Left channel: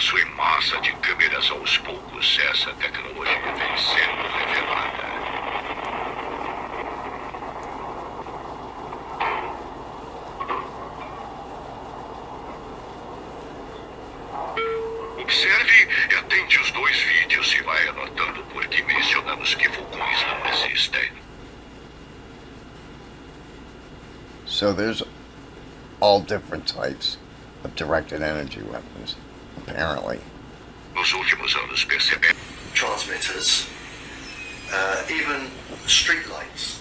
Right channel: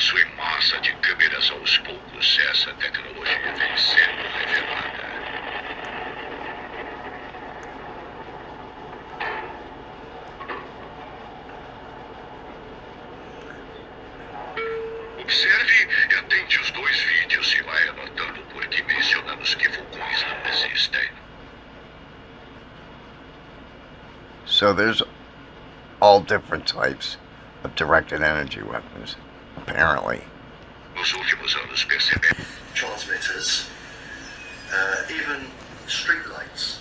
avanço em massa de câmeras aos poucos, essa tecnologia vem sendo revelada. Observe e atente os dois vídeos e vai anotando por que mencionamos que vulcões não existem. So there's all different types of directed energy weapons, apparently. Nos últimos anos percebemos transmitters, even street lights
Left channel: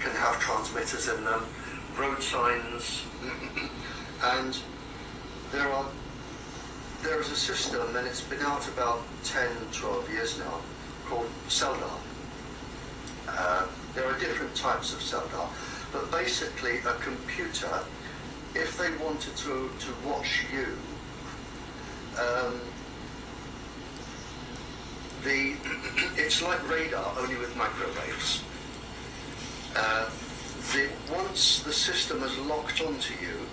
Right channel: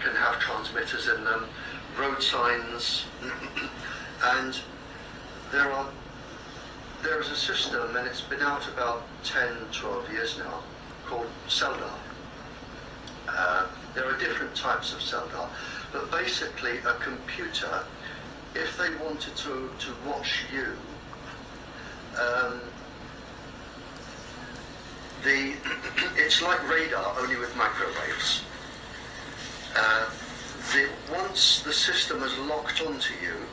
can have transmitters in them, road signs, and there is a system, and it's been out about 10, 12 years now, called CELDAR. There are different types of CELDAR, but basically a computer, if they wanted to watch you, it's like radar, only with microwaves. Once the system is locked onto you,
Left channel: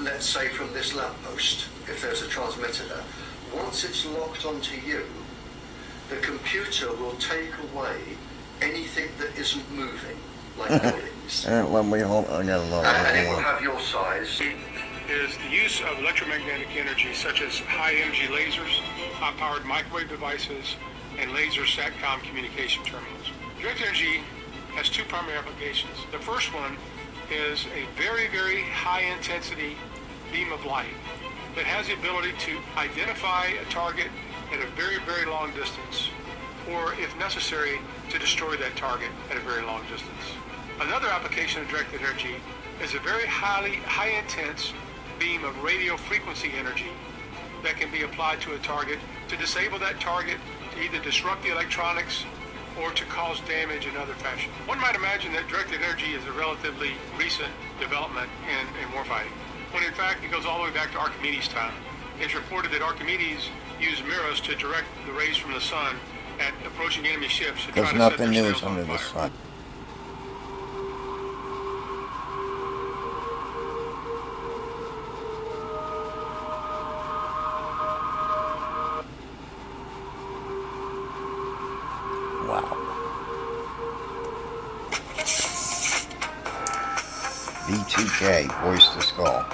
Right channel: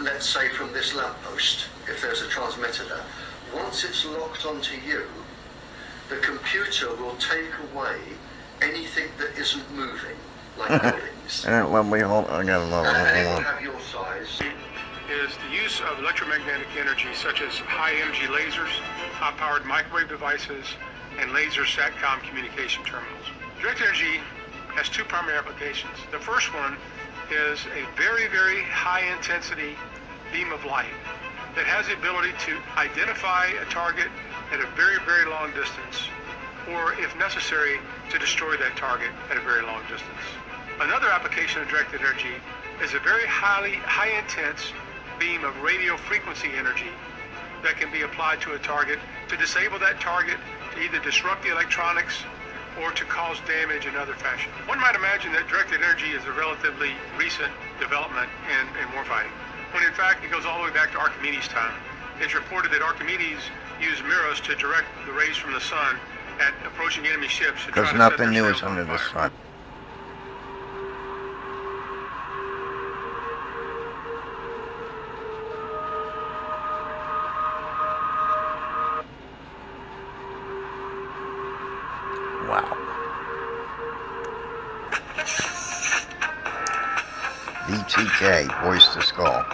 let's say from this lamppost, if there's a transmitter there, once it's locked onto you, the computer will take away anything that isn't moving, like buildings. Let me hold. I got another And it will one. have your size. Is the use of electromagnetic energy such as high-energy lasers, high-powered microwave devices, and laser SATCOM communication terminals. Directed energy has two primary applications. The first one is a very, very high-intensity beam of light that has the ability to identify a target at a very, very long distance, or if necessary, to destroy that target at a very long distance. Another application of directed energy is a very high-intense beam of radio frequency energy that can be applied to a target to disable that target, to either disrupt the electronics or to cause damage in other fashion. One might imagine that directed energy is a relatively recent development in warfighting, when in fact it goes all the way back to Archimedes' time. It's reported that Archimedes used mirrors to direct the rays from the sun at approaching enemy ships to try Because to set nothing their new is sails on under the fire. sun. Wow. VTK, voice to skull.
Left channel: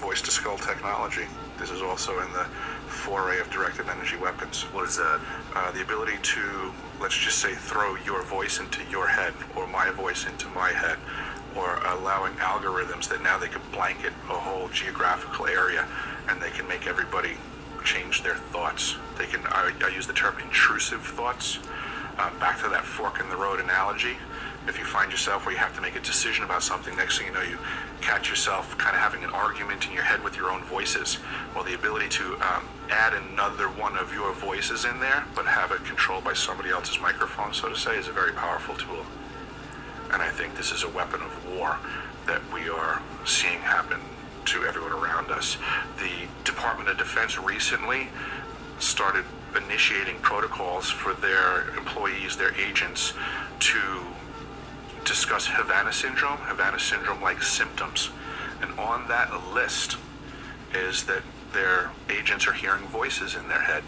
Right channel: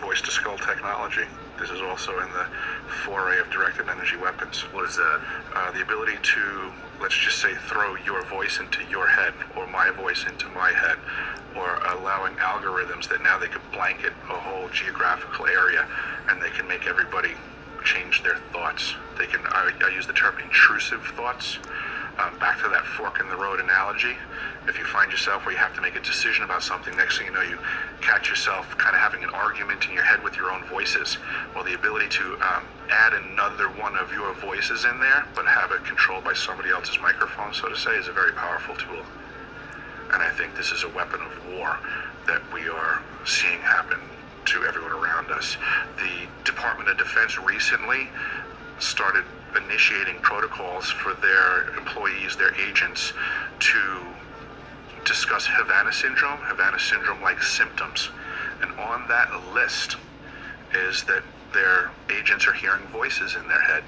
Voice-to-skull technology. This is also in the foray of directed energy weapons. What is that? The ability to, let's just say, throw your voice into your head, or my voice into my head, or allowing algorithms that now they could blanket a whole geographical area, and they can make everybody change their thoughts. They can, I use the term intrusive thoughts. Back to that fork in the road analogy. If you find yourself where you have to make a decision about something, next thing you know, you catch yourself kind of having an argument in your head with your own voices. Well, the ability to add another one of your voices in there, but have it controlled by somebody else's microphone, so to say, is a very powerful tool. And I think this is a weapon of war that we are seeing happen to everyone around us. The Department of Defense recently started initiating protocols for their employees, their agents, to discuss Havana syndrome-like symptoms. And on that list is that their agents are hearing voices in their head.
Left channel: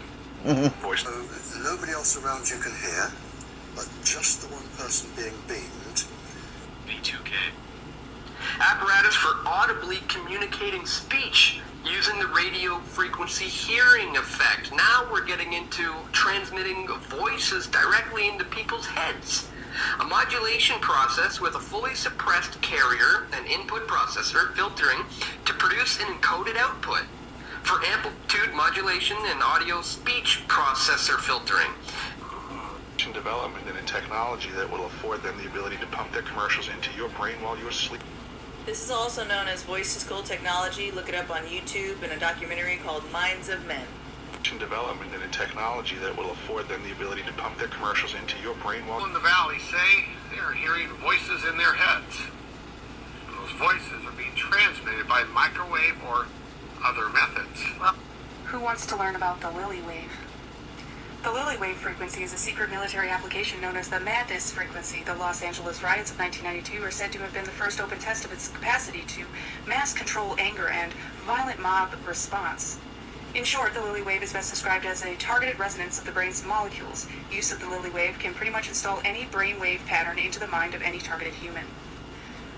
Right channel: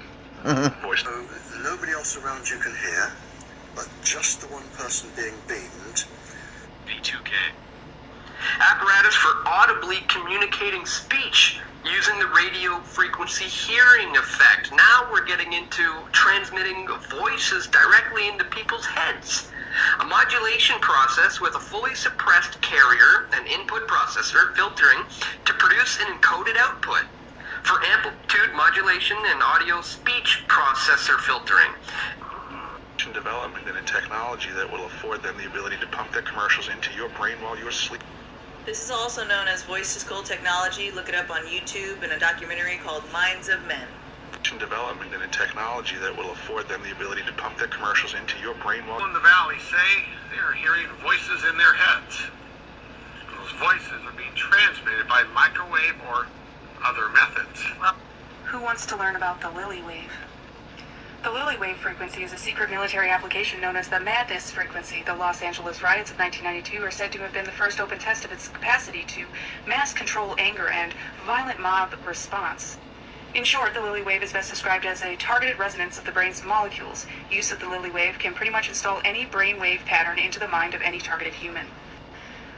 Voice. So nobody else around you can hear, but just the one person being beamed. V2K. Apparatus for audibly communicating speech using the radio frequency hearing effect. Now we're getting into transmitting voices directly into people's heads. A modulation process with a fully suppressed carrier and input processor filtering to produce an encoded output. For amplitude modulation and audio speech processor filtering. Development and a technology that will afford them the ability to pump their commercials into your brain while you're asleep. This is also known as voice-to-skull technology. Look it up on YouTube in a documentary called Minds of Men. Development and a technology that will afford them the ability to pump their commercials into your brain while In the valley say they're hearing voices in their heads. Those voices are being transmitted by microwave or other methods. Well, who wants to learn about the Lily Wave? The Lily Wave frequency is a secret military application known as the Madness frequency. The Los Angeles riots of 1992 are said to have been the first open test of its capacity to mass control anger and violent mob response. In short, the Lilly wave is best described as a targeted resonance of the brain's molecules. Use of the Lilly wave can pretty much install any brain wave pattern into the mind of any targeted human.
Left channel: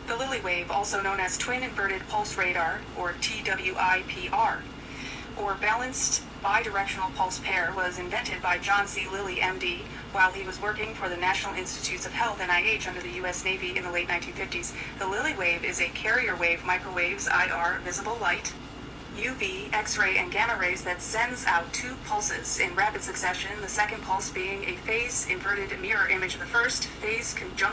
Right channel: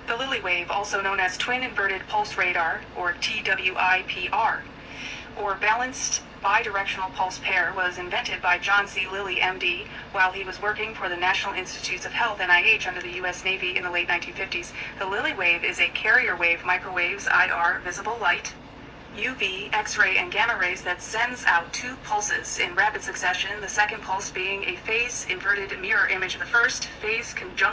The Lilly wave, also known as twin inverted pulse radar, or TWIPR, or balanced bidirectional pulse pair, was invented by John C. Lilly, MD, while he was working for the National Institutes of Health, NIH, under the U.S. Navy in the late 1950s. The Lilly wave is a carrier wave, microwaves, IR, visible light, UV, X-ray, and gamma rays that sends out two pulses in rapid succession, the second pulse being a phase inverted mirror image of the first, phase conjunction